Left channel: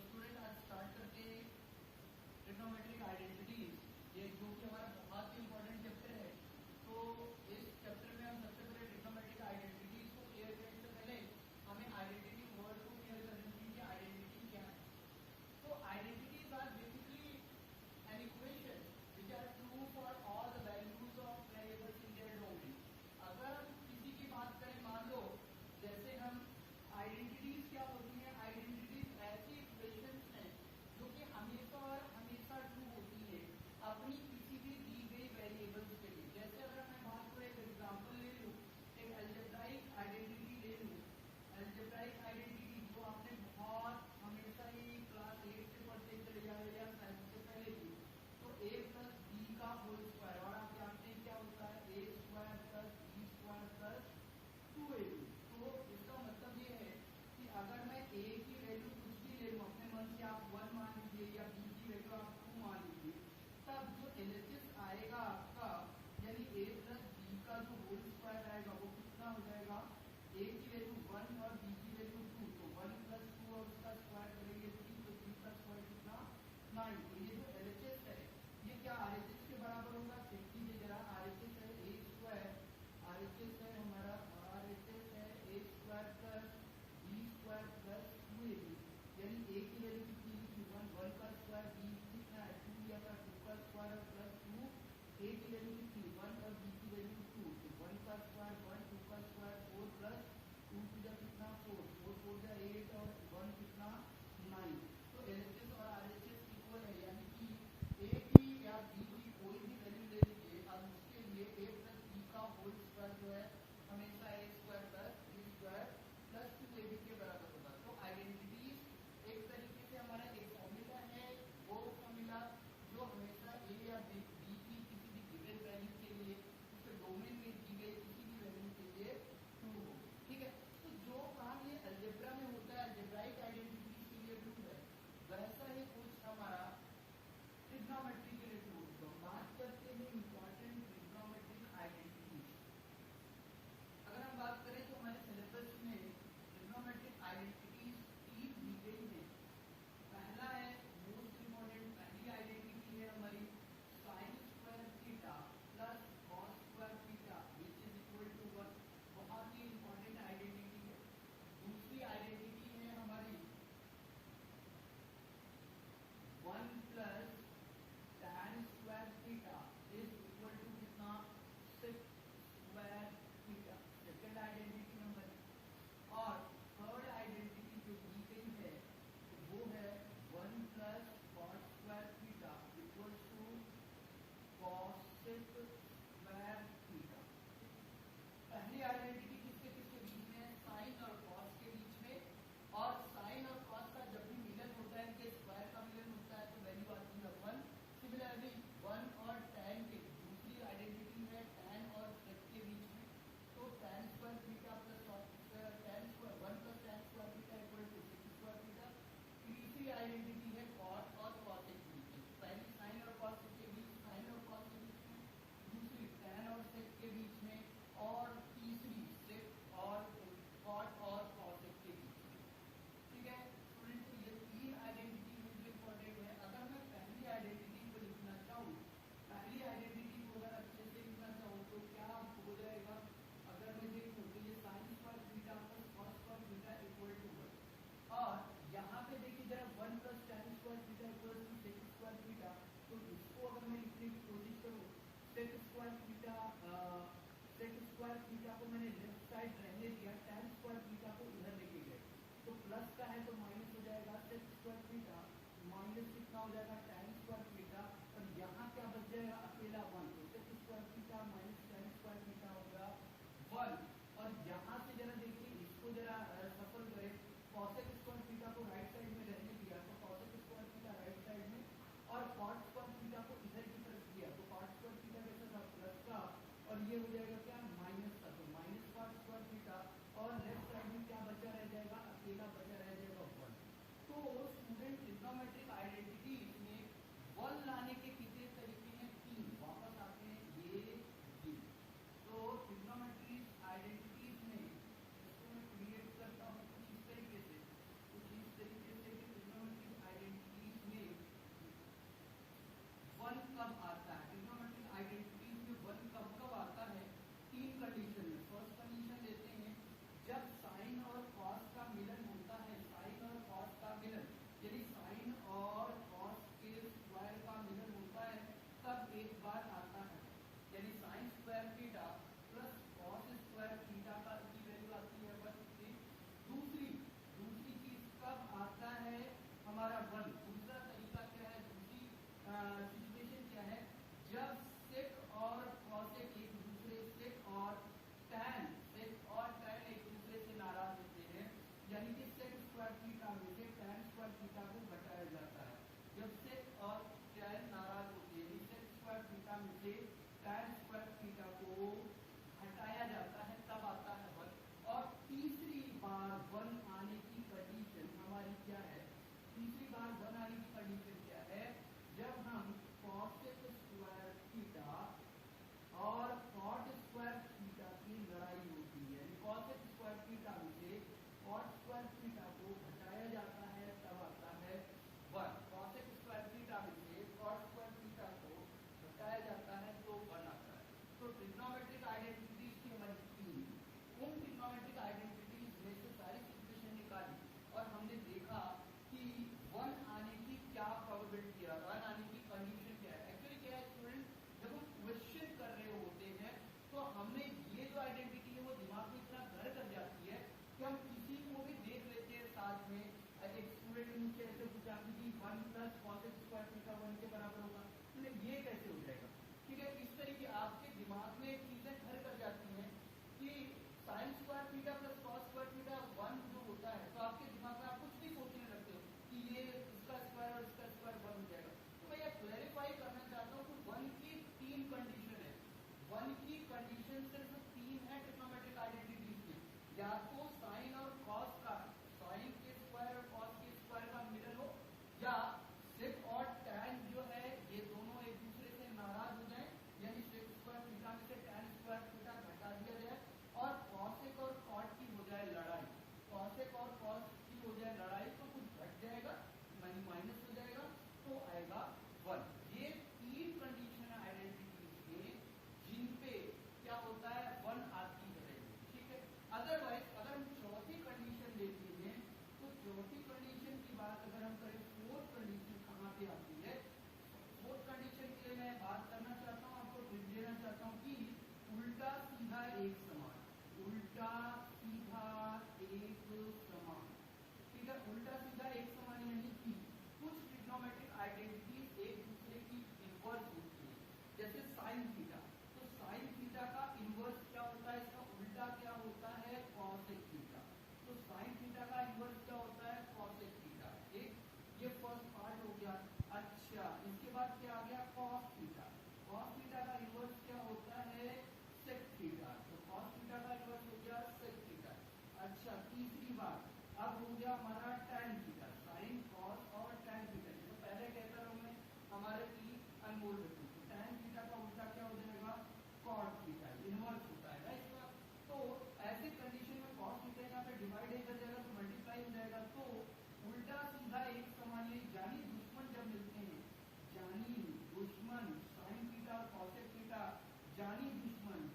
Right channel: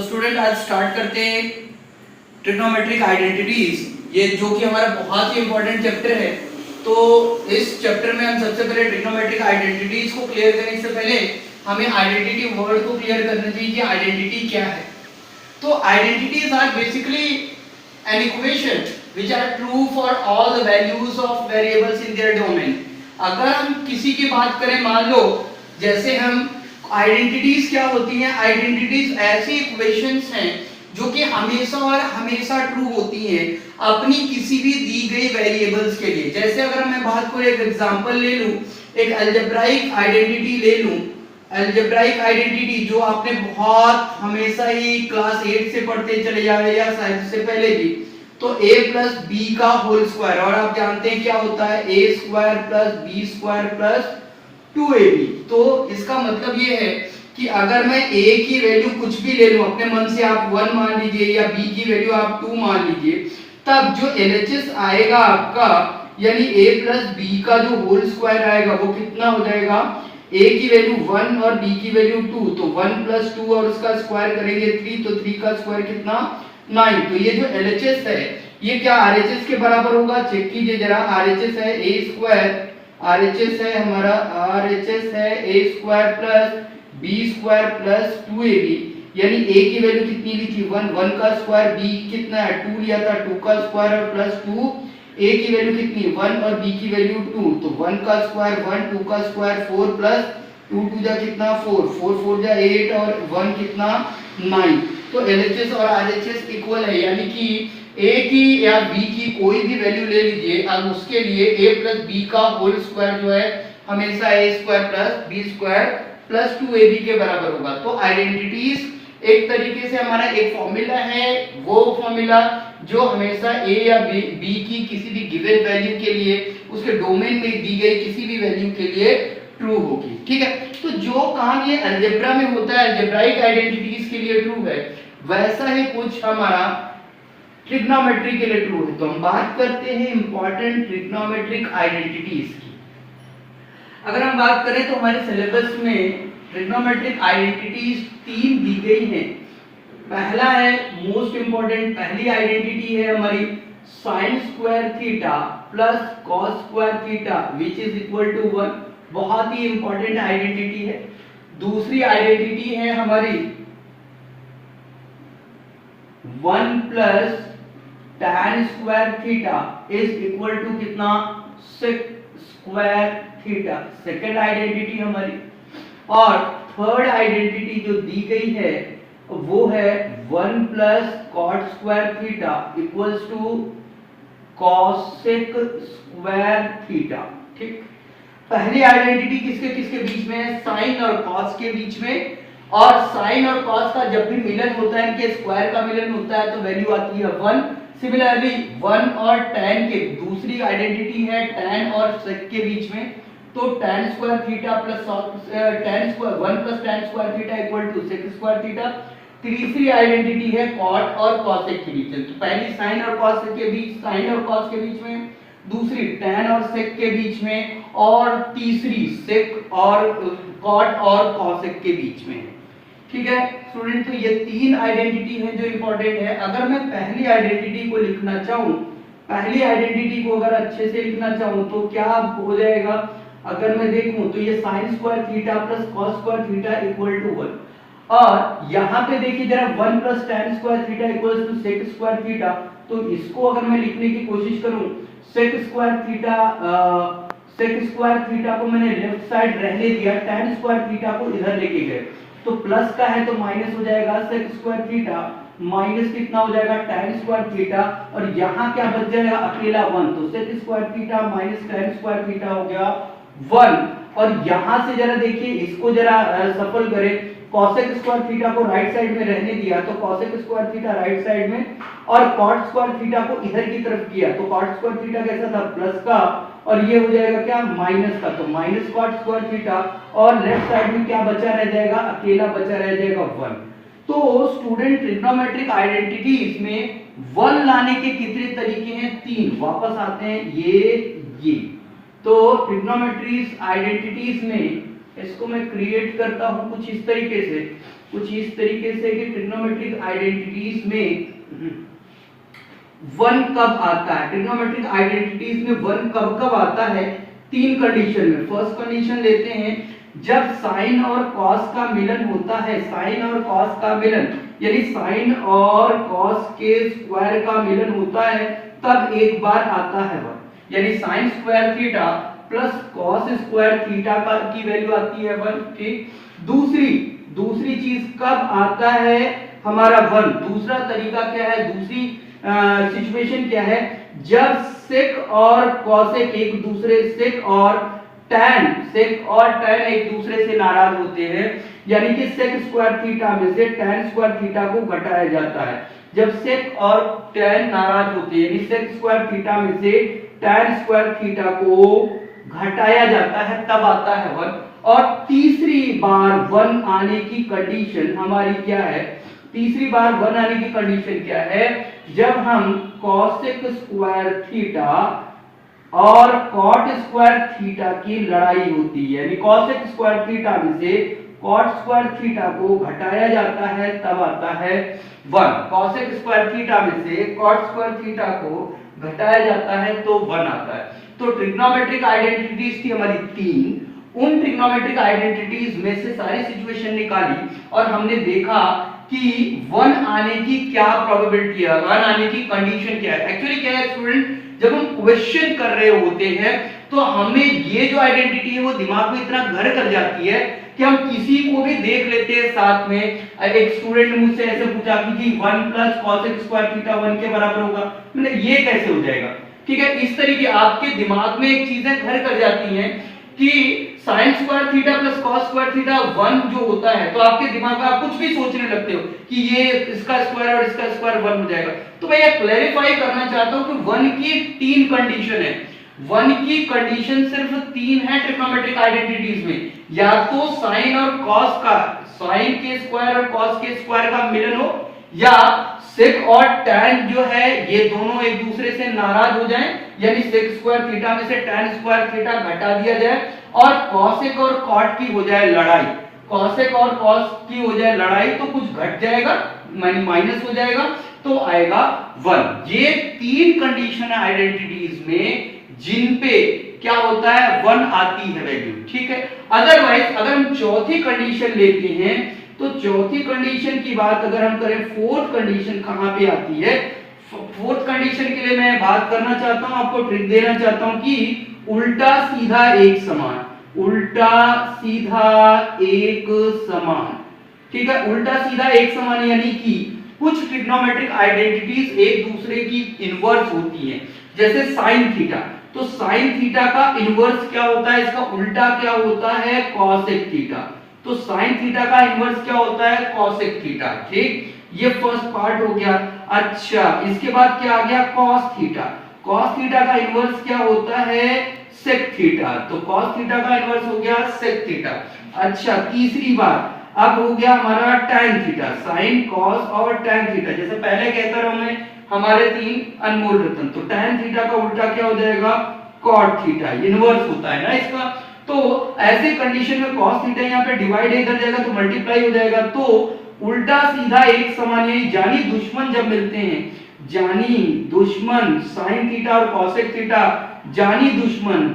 तो स्टूडेंट आज स्टार्ट करते हैं ट्रिग्नोमेट्रिक आइडेंटिटीज, ये जो कि हमारा बहुत ही इंपॉर्टेंट चैप्टर है। तो इस चैप्टर में हम सबसे पहले ट्रिग्नोमेट्रिक आइडेंटिटीज को क्लियर करने से पहले हमें आइडेंटिटी वर्ड को क्लियर करना चाहिए कि आइडेंटिटी क्या है। तो identities are basically an equation which are true for all the values of variables in their domain. अगर हम किसी की बात करें, मान लो जैसे हम आइडेंटिटीज क्या होती हैं, आइडेंटिटीज ऐसी इक्वेशंस हैं जो कि हमेशा और हमेशा ट्रू होती हैं अपनी किसी भी दी गई वेरिएबल्स के लिए। जैसे अगर मैं बात करूं, एक एग्जांपल ले लूं, एक अलजेब्राइक आइडेंटिटी ले लूं, अलजेब्राइक आइडेंटिटी जो आपने बहुत हमेशा ही क्लास 8 से पढ़ते चले जाए या शायद उससे पहले भी, तो a प्लस बी का होल स्क्वायर, और आप जानते हैं क्या होता है a square plus b square plus 2ab। तो इसका मतलब ये है कि अगर मैं a की वैल्यू कुछ भी ले लूं, अपने मन से आप 1 मान लीजिए या b की वैल्यू आप 2 मान लीजिए, तब जो LHS आएगा आपका, यानी a प्लस बी का जो होल स्क्वायर आएगा वो कितना हो जाएगा, a की वैल्यू 1 और b की वैल्यू 2, तो 1 प्लस 2 और उसका स्क्वायर करेंगे 3, तो 3 का स्क्वायर कितना 9। तो ये जो LHS है ये क्या RHS के बराबर होगा, चेक कीजिए जरा। RHS है a स्क्वायर, RHS है हमारा, RHS है a square plus b square plus 2ab, यानी a की वैल्यू कितनी ली थी 1, 1 का स्क्वायर, b कितना है 2 लिया था, 2 का स्क्वायर और प्लस 2, a की वैल्यू कितनी 1 और b की वैल्यू 2, तो 1 का स्क्वायर 1, 2 का स्क्वायर 4 प्लस 2 2 जा कितना 4, 4 4 जा 8 और 1 कितना 9। तो LHS और RHS इक्वल है, यानी कि a की या b की कोई भी वैल्यू ले लीजिए, अब उसके लिए a प्लस b का होल स्क्वायर जो है हमेशा a square plus b square plus 2ab के बराबर होगा। तो आइडेंटिटीज एक तरीके से हमारा एक फॉर्मूला है, वो फॉर्मूला जो हमेशा a या b की किसी भी गिवन वैल्यू के लिए उसके डोमेन में दी गई किसी भी वैल्यू के लिए ट्रू होगी। ठीक है, तो जो काम ये अलजेब्रा में होता है, अलजेब्राइक आइडेंटिटीज के लिए ट्रू है, वैसा ही कुछ हमारा ट्रिग्नोमेट्री के लिए ट्रू है। तो हम बात करते हैं इंपॉर्टेंट ट्रिग्नोमेट्रिक आइडेंटिटीज की। अगर हम बात करें तो हमारे सिलेबस में ट्रिग्नोमेट्रिक आइडेंटिटीज 3 दी गई हैं। पहला है मोस्ट इंपॉर्टेंट, पहली आइडेंटिटी है हमारी sin square theta plus cos square theta which is equal to 1, बहुत ही इंपॉर्टेंट आइडेंटिटी है। दूसरी आइडेंटिटी है हमारी 1 plus tan square theta is equal to कितना sec square theta, second identity हमारी। और थर्ड आइडेंटिटी जो दी गई है वो है 1 plus cot square theta equals to cosec square theta. ठीक, पहली आइडेंटिटी किसके किसके बीच में है, साइन और कॉस के बीच में, और साइन और कॉस का जब भी मिलन होता है, इनके स्क्वायर का मिलन होता है तो वैल्यू आती है 1। सिमिलरली 1 और tan के, दूसरी आइडेंटिटी है tan और sec के बीच में, तो tan square theta plus tan square 1 plus tan square theta equal to sec square theta. तीसरी आइडेंटिटी है cot और cosec के बीच में, तो पहली sin और cos के बीच, sin और cos के बीच में, दूसरी tan और sec के बीच में, और तीसरी sec और cot और cosec के बीच में। ठीक है स्टूडेंट, तो ये 3 आइडेंटिटी है जो इंपॉर्टेंट है। अगर मैं पहली आइडेंटिटी को लिखना चाहूं, पहली आइडेंटिटी को अगर अच्छे से लिखना चाहूं तो क्या हो जाएगा, अगर मैं देखूं तो ये sin square theta plus cos square theta equal to 1, और यहाँ पे देखिए जरा 1 plus tan square theta equals to sec square theta, तो इसको अगर मैं लिखने की कोशिश करूं, sec स्क्वायर थीटा को मैंने लेफ्ट साइड रहने दिया, tan स्क्वायर थीटा को इधर लेके गए, तो प्लस का है तो माइनस हो जाएगा sec स्क्वायर थीटा, माइनस कितना हो जाएगा tan स्क्वायर थीटा, और यहाँ क्या बच जाएगा अकेला 1, तो sec square theta minus tan square theta हो गया 1। और यहाँ से जरा देखिए, इसको जरा सफल करें, cosec स्क्वायर थीटा को राइट साइड में रहने दिया तो cosec square theta right side में, और cot स्क्वायर थीटा को इधर की तरफ किया तो cot स्क्वायर थीटा कैसा था प्लस का, और ये हो जाएगा क्या माइनस का, तो माइनस cot स्क्वायर थीटा, और लेफ्ट साइड में क्या बचा रह जाएगा, अकेला बचा रह जाएगा 1। तो स्टूडेंट ट्रिग्नोमेट्रिक आइडेंटिटीज में 1 लाने के कितने तरीके हैं, 3। वापस आते हैं ये। तो ट्रिग्नोमेट्रीज आइडेंटिटीज में इसको मैं क्रिएट करता हूं कुछ इस तरीके से कुछ इस तरीके से कि ट्रिग्नोमेट्रिक आइडेंटिटीज में वन कब आता है, ट्रिग्नोमेट्रिक आइडेंटिटीज में वन कब कब आता है, तीन कंडीशन में। फर्स्ट कंडीशन लेते हैं, जब साइन और कॉस का मिलन होता है, साइन और कॉस का मिलन यानी साइन और कॉस के स्क्वायर का मिलन होता है, तब एक बार आता है वन, यानी sine square theta plus cos square theta का की वैल्यू आती है वन। ठीक, दूसरी चीज कब आता है हमारा वन, दूसरा तरीका क्या है, दूसरी सिचुएशन क्या है, जब सेक और कॉसेक एक दूसरे सेक और टैन एक दूसरे से नाराज होते हैं, यानी कि सेक स्क्वायर थीटा में से टैन स्क्वायर थीटा को घटाया जाता है। जब सेक और टैन नाराज होते हैं, यानी सेक स्क्वायर थीटा में से टैन स्क्वायर थीटा को घटाया जाता है, तब आता है वन। और तीसरी बार वन आने की कंडीशन हमारी क्या है, तीसरी बार वन आने की कंडीशन क्या है, जब हम कॉसेक स्क्वायर थीटा और कॉट स्क्वायर थीटा की लड़ाई होती है, यानी कॉसेक स्क्वायर थीटा में से कॉट स्क्वायर थीटा को घटाया जाता है, तब आता है वन। कॉसेक स्क्वायर थीटा में से कॉट स्क्वायर थीटा को घटाया जाता है तो वन आता है। तो ट्रिग्नोमेट्रिक आइडेंटिटीज थी हमारी तीन, उन ट्रिग्नोमेट्रिक आइडेंटिटीज में से सारी सिचुएशन निकाली और हमने देखा कि वन आने की क्या प्रोबेबिलिटी है, वन आने की कंडीशन क्या है। एक्चुअली क्या है स्टूडेंट, जब हम क्वेश्चन कर रहे होते हैं तो हमें ये जो आइडेंटिटी है वो दिमाग में इतना घर कर जाती है कि हम किसी को भी देख लेते हैं साथ में। एक स्टूडेंट ने मुझसे ऐसे पूछा कि 1 प्लस कॉसेक स्क्वायर थीटा 1 के बराबर होगा, मैंने ये कैसे हो जाएगा। ठीक है, इस तरीके आपके दिमाग में एक चीजें घर कर जाती हैं कि sine square theta plus cos square theta 1 जो होता है, तो आपके दिमाग में आप कुछ भी सोचने लगते हो कि ये इसका स्क्वायर और इसका स्क्वायर 1 हो जाएगा। तो मैं ये क्लैरिफाई करना चाहता हूं कि 1 की 3 कंडीशन है, 1 की कंडीशन सिर्फ 3 है ट्रिग्नोमेट्रिक आइडेंटिटीज में, या तो साइन और कॉस का, साइन के स्क्वायर और कॉस के स्क्वायर का मिलन हो, या सेक और टैन जो है ये दोनों एक दूसरे से नाराज हो जाएं, यानी सेक स्क्वायर थीटा में से टैन स्क्वायर थीटा घटा दिया जाए और कॉसेक और कॉट की हो जाए लड़ाई, कॉसेक और कॉस की हो जाए लड़ाई, तो कुछ घट जाएगा माइनस माइनस हो जाएगा तो आएगा 1। ये 3 कंडीशन है आइडेंटिटीज में जिन पे क्या होता है 1 आती है वैल्यू। ठीक है, अदरवाइज अगर हम चौथी कंडीशन लेते हैं तो चौथी कंडीशन की बात अगर हम करें, फोर्थ कंडीशन कहां पे आती है, फोर्थ कंडीशन के लिए मैं बात करना चाहता हूं, आपको ट्रिक देना चाहता हूं कि उल्टा सीधा एक समान, उल्टा सीधा एक समान। ठीक है, उल्टा सीधा एक समान यानी कि कुछ ट्रिग्नोमेट्रिक आइडेंटिटीज एक दूसरे की इनवर्स होती हैं, जैसे साइन थीटा, तो साइन थीटा का इनवर्स क्या होता है, इसका उल्टा क्या होता है कॉसेक थीटा, तो साइन थीटा का इनवर्स क्या होता है कॉसेक थीटा। ठीक, ये फर्स्ट पार्ट हो गया। अच्छा, इसके बाद क्या आ गया कॉस थीटा, कॉस थीटा का इनवर्स क्या होता है सेक थीटा, तो कॉस थीटा का इनवर्स हो गया सेक थीटा। अच्छा, तीसरी बात अब हो गया हमारा टैन थीटा, साइन कॉस और टैन थीटा, जैसे पहले कहता रहा मैं हमारे 3 अनमोल रत्न, तो टैन थीटा का उल्टा क्या हो जाएगा कॉट थीटा, इनवर्स होता है ना इसका। तो ऐसे कंडीशन में cos थीटा यहाँ पे डिवाइड कर जाएगा तो मल्टीप्लाई हो जाएगा, तो उल्टा सीधा एक समान यानी जानी दुश्मन जब मिलते हैं, जानी दुश्मन साइन थीटा और cosec थीटा, जानी दुश्मन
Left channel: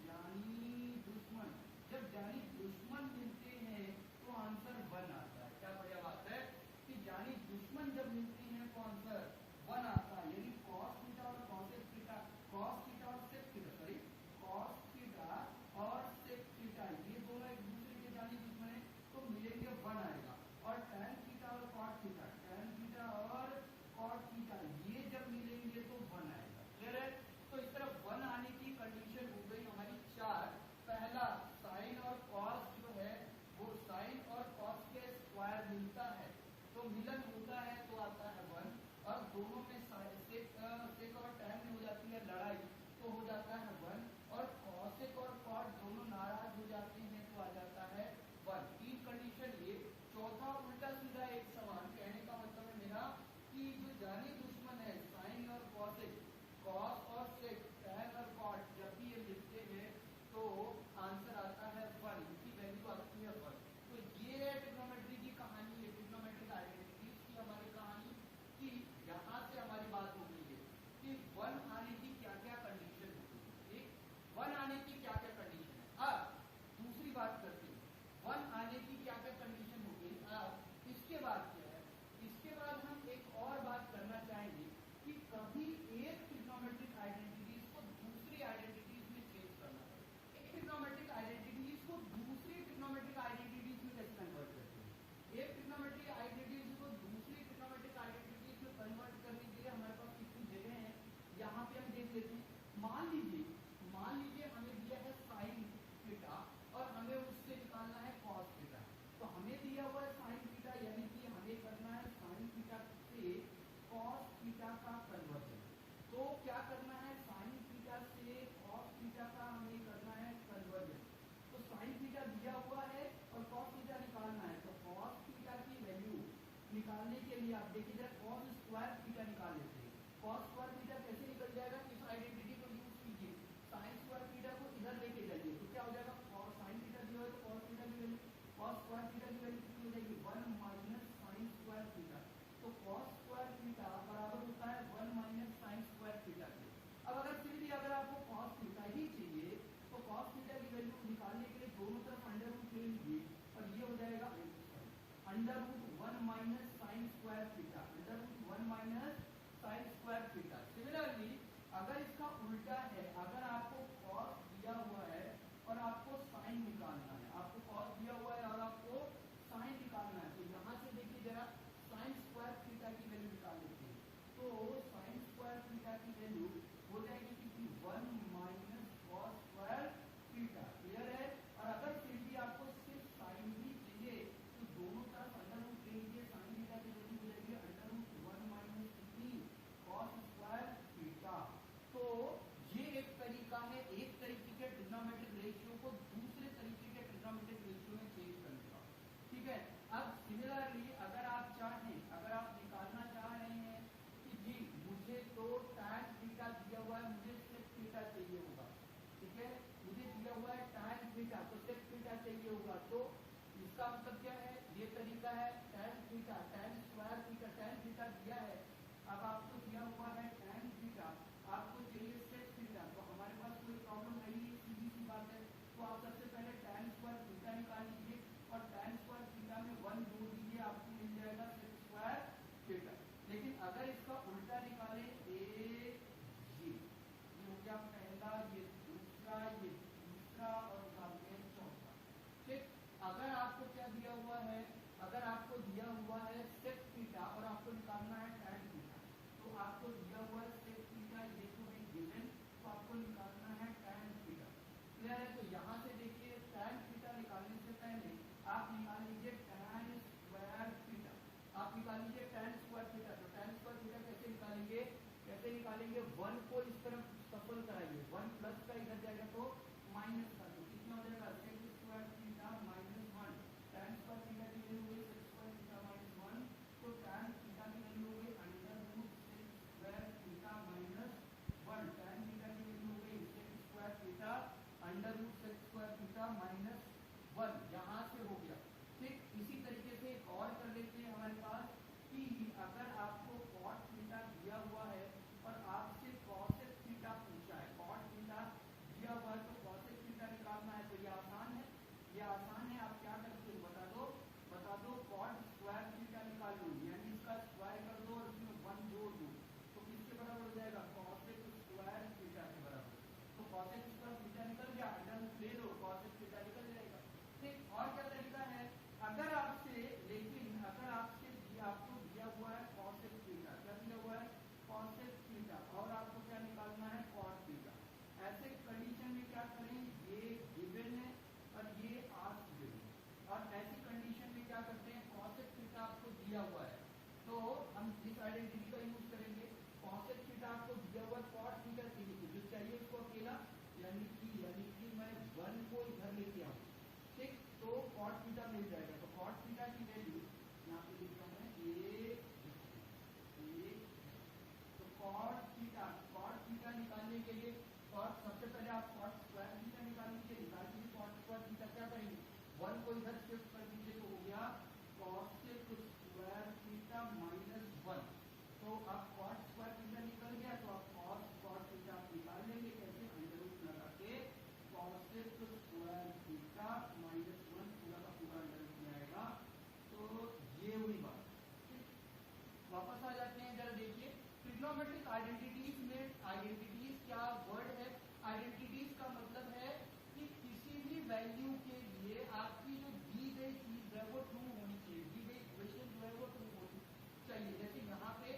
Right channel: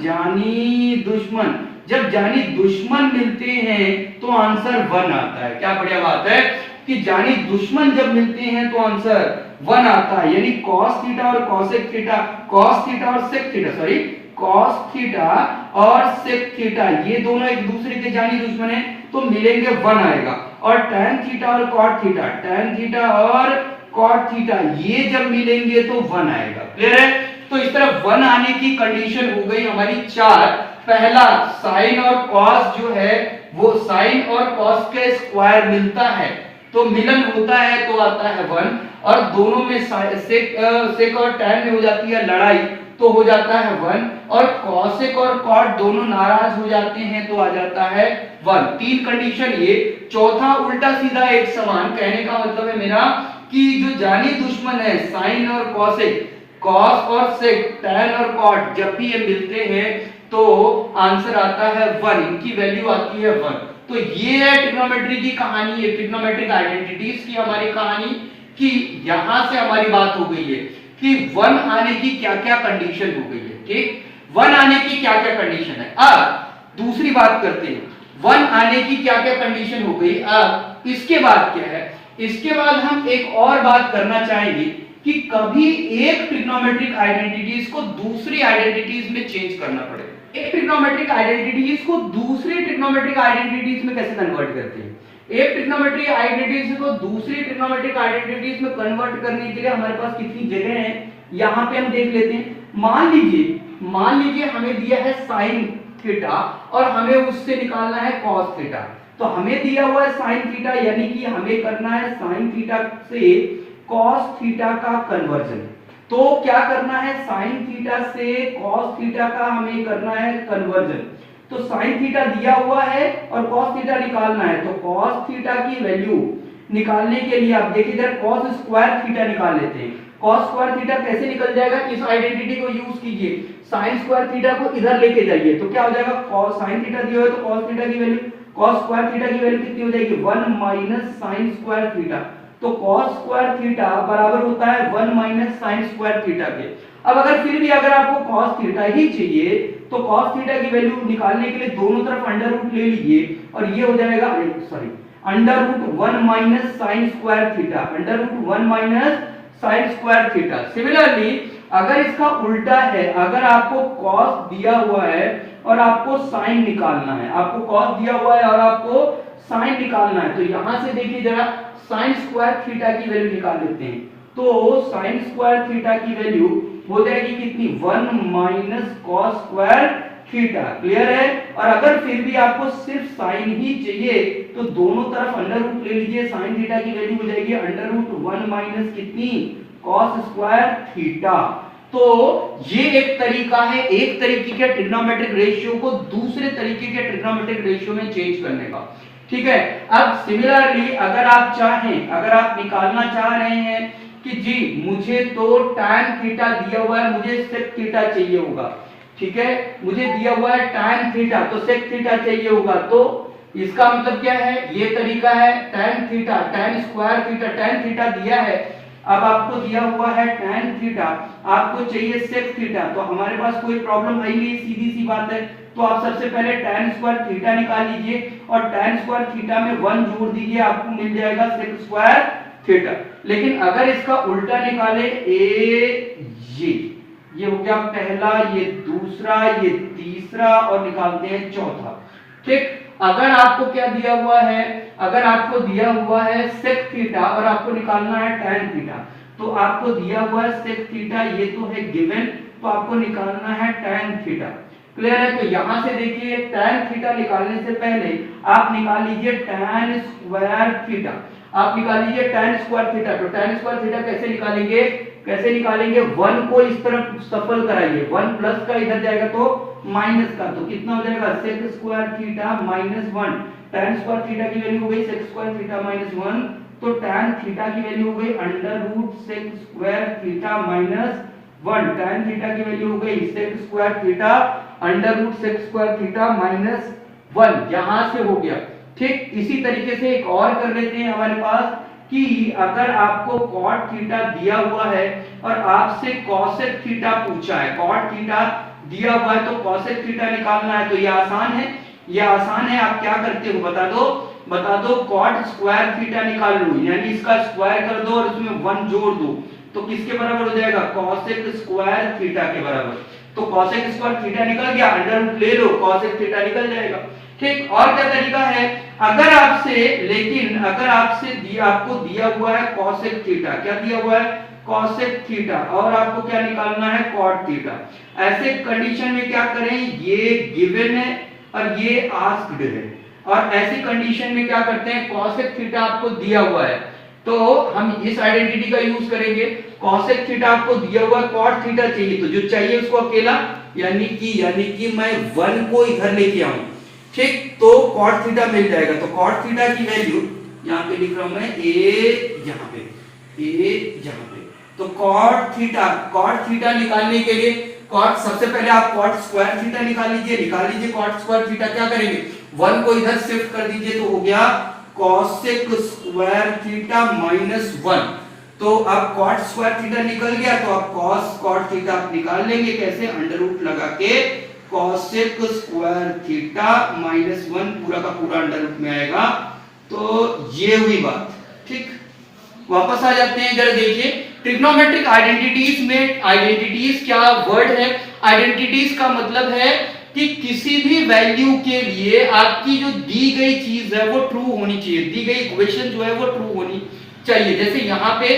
जब जानी दुश्मन मिलते हैं तो आंसर 1 आता है। क्या बढ़िया बात है कि जानी दुश्मन जब मिलते हैं तो आंसर 1 आता है, यानी cos थीटा और cosec थीटा, cos थीटा और sec theta, sorry cos theta और sec थीटा ये दोनों एक दूसरे के जानी दुश्मन है तो मिलेंगे 1 आएगा। और tan थीटा और cot थीटा, tan थीटा और cot थीटा ये जब मिलेंगे तो 1 आएगा। क्लियर है? तो इस तरह 1 आने की कंडीशन हो गई हमारी 4। पहला साइन और cos जो है वो साइन और cos के स्क्वायर मिलता है तो मिलन होता है तो आता है 1, और दोनों में सेक और tan में हो जाती है लड़ाई तो हो जाता है 1, और cosec और cot दोनों नाराज हो जाते हैं तो आ जाता है 1। 3 कंडीशन ये। चौथा उल्टा सीधा एक समान, कहने का मतलब है मेरा कि जो जानी दुश्मन है साइन और cosec, cos और sec, tan और cot जब भी ये मिलते हैं तो आंसर आता है 1, इनकी वैल्यू आती है 1। तो ये है ट्रिग्नोमेट्री की कहानी, ये ट्रिग्नोमेट्रिक आइडेंटिटीज की हमारी कहानी कि यहां से हमारी बात हो गई है कि 1 आने की क्या क्या कंडीशन हो गई है। ठीक, 1 आने की क्या क्या कंडीशन है। अब दूसरी बात करते हैं, 1 आने की क्या क्या कंडीशन हो गई। अब इसके बाद क्या है, इसके बाद हम एक और बात करना चाहेंगे कि कभी एक ट्रिग्नोमेट्रिक आइडेंटिटीज को दूसरी आइडेंटिटीज में चेंज करना पड़े। एक ट्रिग्नोमेट्रिक आइडेंटिटीज को दूसरी ट्रिग्नोमेट्रिक आइडेंटिटीज में कैसे कन्वर्ट करते हैं। एक ट्रिग्नोमेट्रिक आइडेंटिटीज को दूसरी ट्रिग्नोमेट्रिक आइडेंटिटीज में कन्वर्ट करने के लिए हमारे पास कितनी जगह है, यहां पे हम देख लेते हैं। मान लीजिए हमें दिया है sin थीटा और हमें उससे निकालना है cos थीटा। तो हमें दिया हुआ है sin थीटा, यानी कि हमें करना है sin थीटा से cos थीटा का कन्वर्जन। तो क्या करना है, sin थीटा से cos थीटा का हमें करना है कन्वर्जन। तो sin थीटा दिया हुआ है और cos थीटा निकालना है, तो cos थीटा की वैल्यू निकालने के लिए आप देखिए इधर cos स्क्वायर थीटा निकाल लेते हैं। cos स्क्वायर थीटा कैसे निकल जाएगा, इस आइडेंटिटी को यूज कीजिए, sin स्क्वायर थीटा को इधर लेके जाइए, तो क्या हो जाएगा, cos sin थीटा दिया है तो cos थीटा की वैल्यू, cos स्क्वायर थीटा की वैल्यू कितनी हो जाएगी, 1 माइनस sin स्क्वायर थीटा। तो cos स्क्वायर थीटा बराबर होता है 1 माइनस sin स्क्वायर थीटा के। अब अगर फिर भी अगर आपको cos थीटा ही चाहिए तो cos थीटा की वैल्यू निकालने के लिए दोनों तरफ अंडर रूट ले लीजिए और ये हो जाएगा under root 1 minus sin square theta, under root 1 minus sin square theta. Similarly अगर इसका उल्टा है, अगर आपको cos दिया हुआ है और आपको sin निकालना है, आपको cos दिया हुआ है और आपको sin निकालना है, तो यहां से देखिए जरा sin स्क्वायर थीटा की वैल्यू निकाल लेते हैं। तो sin स्क्वायर थीटा की वैल्यू हो जाएगी कितनी, 1 minus cos square theta. Clear है। और अगर फिर भी आपको सिर्फ sin ही चाहिए तो दोनों तरफ अंडर रूट ले लीजिए, sin थीटा की वैल्यू हो जाएगी अंडर रूट 1 माइनस कितनी, cos स्क्वायर थीटा। तो ये एक तरीका है, एक तरीके के ट्रिग्नोमेट्रिक रेशियो को दूसरे तरीके के ट्रिग्नोमेट्रिक रेशियो में चेंज करने का। ठीक है। अब सिमिलरली अगर आप चाहें, अगर आप निकालना चाह रहे हैं कि जी मुझे तो tan थीटा दिया हुआ है, मुझे sec थीटा चाहिए होगा, ठीक है, मुझे दिया हुआ है tan थीटा तो sec थीटा चाहिए होगा, तो इसका मतलब क्या है, ये तरीका है tan theta, tan square theta, tan theta दिया है, अब आपको दिया हुआ है tan थीटा, आपको चाहिए sec थीटा, तो हमारे पास कोई प्रॉब्लम है नहीं, सीधी सी बात है। तो आप सबसे पहले tan स्क्वायर थीटा निकाल लीजिए और tan स्क्वायर थीटा में 1 जोड़ दीजिए, आपको मिल जाएगा sec स्क्वायर थीटा। लेकिन अगर इसका उल्टा निकाले, ये हो गया पहला, ये दूसरा, ये तीसरा और निकालते हैं चौथा। ठीक, अगर आपको क्या दिया हुआ है, अगर आपको दिया हुआ है sec थीटा और आपको निकालना है tan थीटा, तो आपको दिया हुआ है sec थीटा, ये तो है गिवन, तो आपको निकालना है tan थीटा। क्लियर है। तो यहां से देखिए tan थीटा निकालने से पहले आप निकाल लीजिए tan स्क्वायर थीटा, आप निकाल लीजिए tan स्क्वायर थीटा। तो tan स्क्वायर थीटा कैसे निकालेंगे, कैसे निकालेंगे, 1 को इस तरफ सफल कराइए, 1 प्लस का इधर जाएगा तो माइनस का, तो कितना हो जाएगा sec square theta minus 1। tan square theta की वैल्यू हो गई sec स्क्वायर थीटा माइनस 1, तो tan थीटा की वैल्यू हो गई under root sec square theta minus 1। tan theta की वैल्यू हो गई sec square theta under root sec square theta minus 1, यहां से हो गया। ठीक, इसी तरीके से एक और कर लेते हैं हमारे पास कि अगर आपको cot थीटा दिया हुआ है और आपसे cosec थीटा पूछा है, cot थीटा दिया हुआ है तो cosec थीटा निकालना है, तो ये आसान है, ये आसान है। आप क्या करते हो बता दो cot स्क्वायर थीटा निकाल लो, यानी इसका स्क्वायर कर दो और इसमें 1 जोड़ दो, तो किसके बराबर हो जाएगा, cosec स्क्वायर थीटा के बराबर। तो cosec स्क्वायर थीटा निकल गया, अंडर रूट ले लो, cosec थीटा निकल जाएगा। ठीक, और क्या तरीका है, अगर आपसे आपको दिया हुआ है cosec थीटा, क्या दिया हुआ है cosec थीटा, और आपको क्या निकालना है cot थीटा, ऐसे कंडीशन में क्या करें, ये गिवन है और ये आस्क्ड है, और ऐसी कंडीशन में क्या करते हैं, cosec थीटा आपको दिया हुआ है तो हम इस आइडेंटिटी का यूज करेंगे, cosec थीटा आपको दिया हुआ है, cot थीटा चाहिए, तो जो चाहिए उसको अकेला, यानी कि मैं 1 को इधर लेके आऊं, ठीक, तो cot थीटा मिल जाएगा। तो cot थीटा की वैल्यू यहाँ पे लिख रहा हूं मैं, यहाँ पे, तो cot थीटा निकालने के लिए सबसे पहले आप cot स्क्वायर थीटा निकाल लीजिए cot स्क्वायर थीटा क्या करेंगे, 1 को इधर शिफ्ट कर दीजिए तो हो गया cosec स्क्वायर थीटा माइनस 1। तो अब cot स्क्वायर थीटा निकल गया तो अब cos cot थीटा आप निकाल लेंगे कैसे, अंडर रूट लगा के cosec स्क्वायर थीटा माइनस 1 पूरा का पूरा अंडर रूट में आएगा। तो ये हुई बात, ठीक। वापस आ जाते हैं, जरा देखिए ट्रिग्नोमेट्रिक आइडेंटिटीज में, आइडेंटिटीज क्या वर्ड है, आइडेंटिटीज का मतलब है कि किसी भी वैल्यू के लिए आपकी जो दी गई चीज है वो ट्रू होनी चाहिए, दी गई इक्वेशन जो है वो ट्रू होनी चाहिए। जैसे यहाँ पे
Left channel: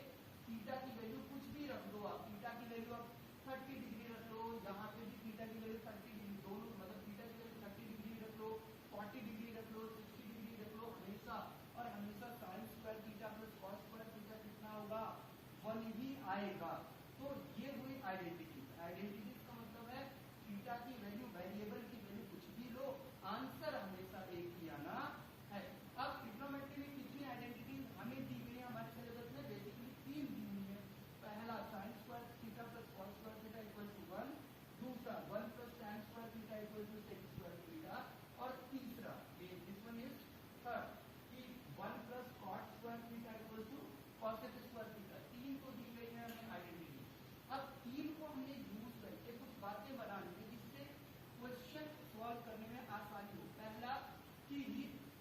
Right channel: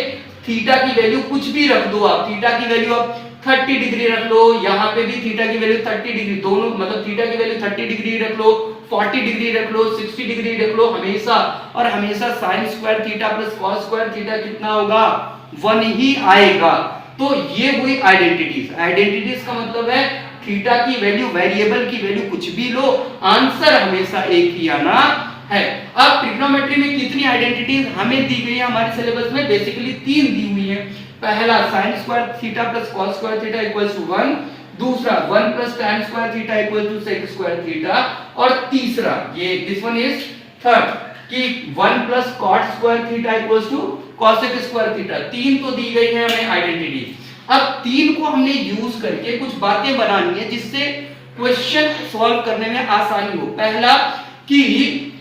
थीटा की वैल्यू कुछ भी रख दो आप, थीटा की वैल्यू आप 30 डिग्री रख लो, यहाँ पे भी थीटा की वैल्यू 30 डिग्री, दोनों मतलब थीटा की वैल्यू 30 डिग्री रख लो, 40 डिग्री रख लो, 60 डिग्री रख लो, हमेशा और हमेशा sine square theta plus cos square theta कितना होगा, 1 ही आएगा। तो ये हुई आइडेंटिटीज। आइडेंटिटीज का मतलब है थीटा की वैल्यू, वेरिएबल की वैल्यू कुछ भी लो, आंसर हमेशा एक ही आना है। अब ट्रिग्नोमेट्री में कितनी आइडेंटिटीज हमें दी गई है हमारे सिलेबस में, बेसिकली 3 दी हुई है। पहला sin square theta plus cos square theta equals to 1, दूसरा 1 plus tan square theta equals to sec square theta, और तीसरा ये दिस वन इज थर्ड कि 1 plus cot square theta equals to cosec square theta. 3 तो दी गई है हमें identity. अब 3 को हमने यूज करके कुछ बातें बनानी है जिससे क्वेश्चन सॉल्व करने में आसानी हो। पहला कि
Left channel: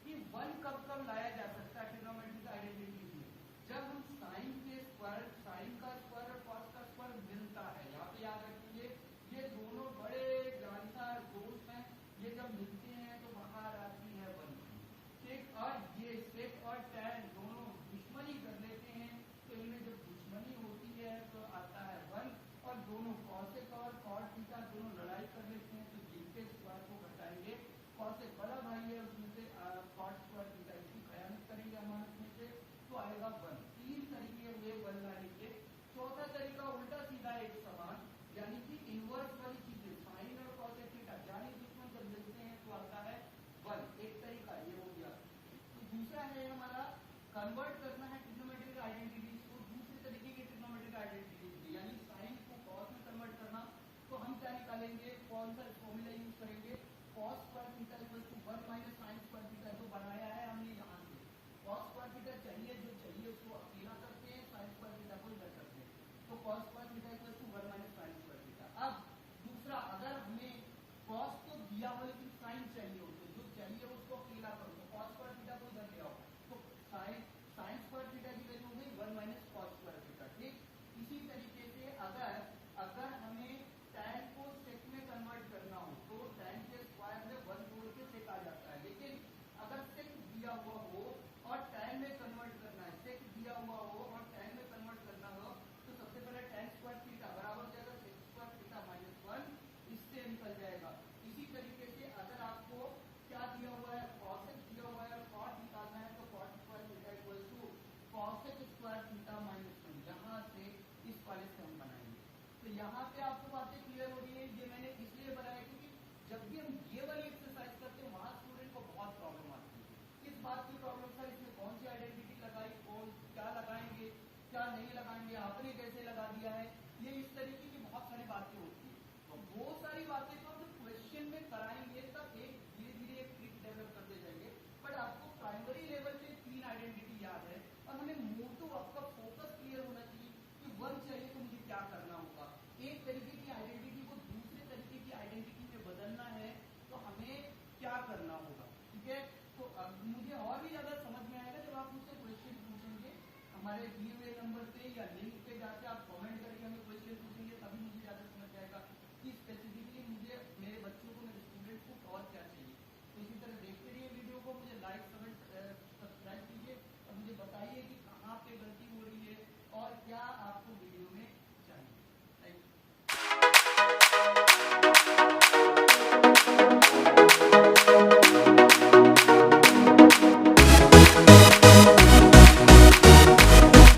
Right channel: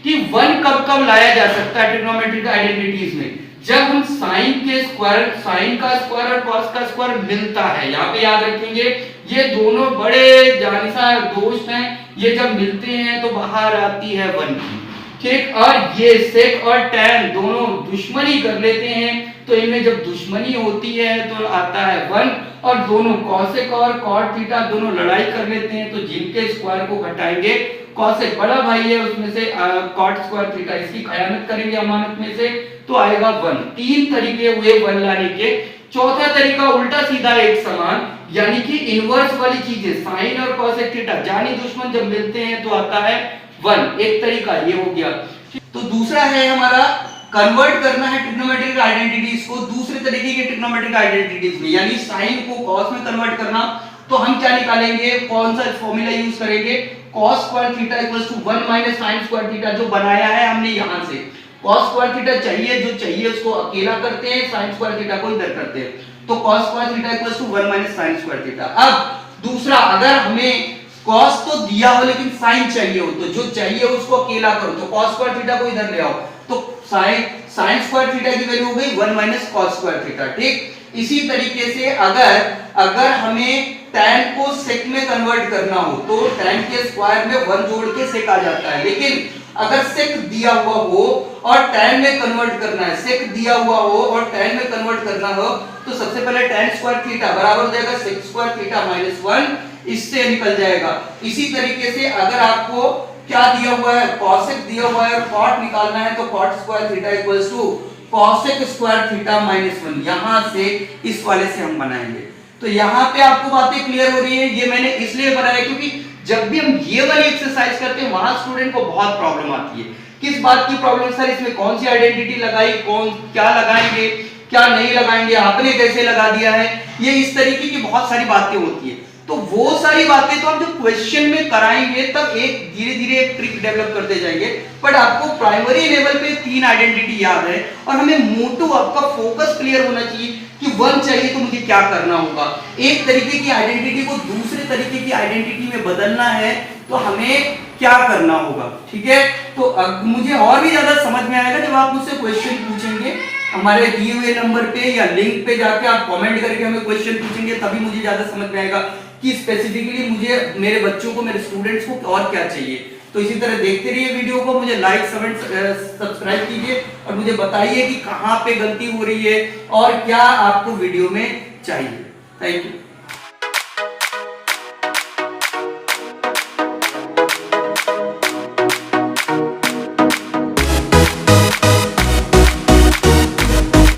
1 कब कब लाया जा सकता है ट्रिग्नोमेट्रिक आइडेंटिटीज में, जब हम साइन के स्क्वायर, साइन का स्क्वायर और कॉस का स्क्वायर मिलता है। यहाँ पे याद रखेंगे ये दोनों बड़े जानिसार दोस्त हैं, ये जब मिलते हैं तो बाहर आती है 1 की, ठीक। और ये सेक और टैन दोनों दुश्मनी कर लेते हैं, तो इनमें जब दुश्मनी होती है तो आता है 1, और दोनों कॉसेक और कॉट थीटा दोनों लड़ाई कर लेते हैं, तो जिनके स्क्वायर को घटाएंगे, कॉसेक बड़ा भाई है उसमें से कॉट स्क्वायर थीटा इसकी खयानत करेंगे अमानत में से, तो आएगा 1। 3 तरीके हुए 1 लाने के। चौथा तरीका उल्टा सीधा एक समान, यानी कि इनवर्स वाली चीजें, साइन और कॉसेक थीटा जानी दुश्मन जब मिलते हैं तो आता है 1। एक तरीका ये हो गया। तो दूसरा है हमारा कन्वर्ट करना है ट्रिग्नोमेट्रिक आइडेंटिटीज को दूसरे तरीके के ट्रिग्नोमेट्रिक आइडेंटिटीज में, यानी साइन को कॉस में कन्वर्ट करना। तो हम क्या निकालेंगे, कौन सा फॉर्मूला यूज करेंगे, cos square theta equals to 1 minus sin square theta, जो बनाया है हमने यहां से। cos स्क्वायर थीटा चाहिए, जो चाहिए उसको अकेला करते हैं, sin स्क्वायर थीटा को इधर करते हैं, तो cos square theta equals to 1 minus sin square theta. अब दूसरा, अगर हमें cos तो दिया हो लेकिन sin चाहिए हो, तो जो चाहिए उसको अकेला करो, तो cos स्क्वायर थीटा को इधर ले आओ, तो sin स्क्वायर थीटा की वैल्यू हो गई 1 माइनस cos स्क्वायर थीटा, ठीक। इसी तरीके से अगर हमें tan को sec में कन्वर्ट करना हो तो tan के स्क्वायर में 1 जोड़ के sec आ जाता है, लेकिन अगर sec दिया हुआ हो और tan में कन्वर्ट करना है, sec दिया हुआ हो और tan में कन्वर्ट करना हो, तो सबसे पहले tan स्क्वायर थीटा बराबर हो जाएगा sec स्क्वायर थीटा माइनस 1, इससे निकल जाएगा। इसी तरीके से अगर आपको क्या दिया हुआ है, cosec दिया हुआ है और cot निकालना है, तो cot square theta equals to cosec square theta minus 1, यहां से इस वाले से हम बनाएंगे। तो यहाँ पे आपको बातें क्लियर हो रही है। ये मैंने इसलिए बनाया क्योंकि जब भी हम ये वाली एक्सरसाइज करते हैं वहां स्टूडेंट को बहुत प्रॉब्लम आती है। किस बात की प्रॉब्लम, सर इसमें कौन सी आइडेंटिटी लगाई, कौन क्या लगाएंगे, क्या नहीं लगाएंगे, आपने कैसे लगा दिया है, ये इस तरीके की बहुत सारी बातें होती है। तो वो सारी बातें तो हम जब क्वेश्चन में कराएंगे तब एक धीरे धीरे एक ट्रिक डेवलप करते जाएंगे, बट आपको प्राइमरी लेवल पे 3 आइडेंटिटी याद है और हमें मोटो आपका फोकस क्लियर होना चाहिए कि 1 चाहिए तो मुझे क्या करना होगा। एक तरीके की आइडेंटिटी को दूसरे तरीके की आइडेंटिटी में बदलना है तो हमें क्या करना होगा, ठीक है। तो अब मुझे और भी ज्यादा समझ में आएगा जब आप मुझसे क्वेश्चन पूछेंगे हमारे दिए हुए नंबर पे या लिंक पे जाके आप कमेंट करके हमें क्वेश्चन पूछेंगे, तभी मुझे ज्यादा समझ में आएगा कि स्पेसिफिकली मुझे मेरे बच्चों को, मेरे स्टूडेंट्स को और क्या चाहिए। तो इसी तरह देखते रहिए वीडियो को, मुझे लाइक सब्सक्राइब कीजिए और मुझे बताइए कि कहाँ पे गलती हो रही है और क्या आपको वीडियो में चाहिए। Thank you.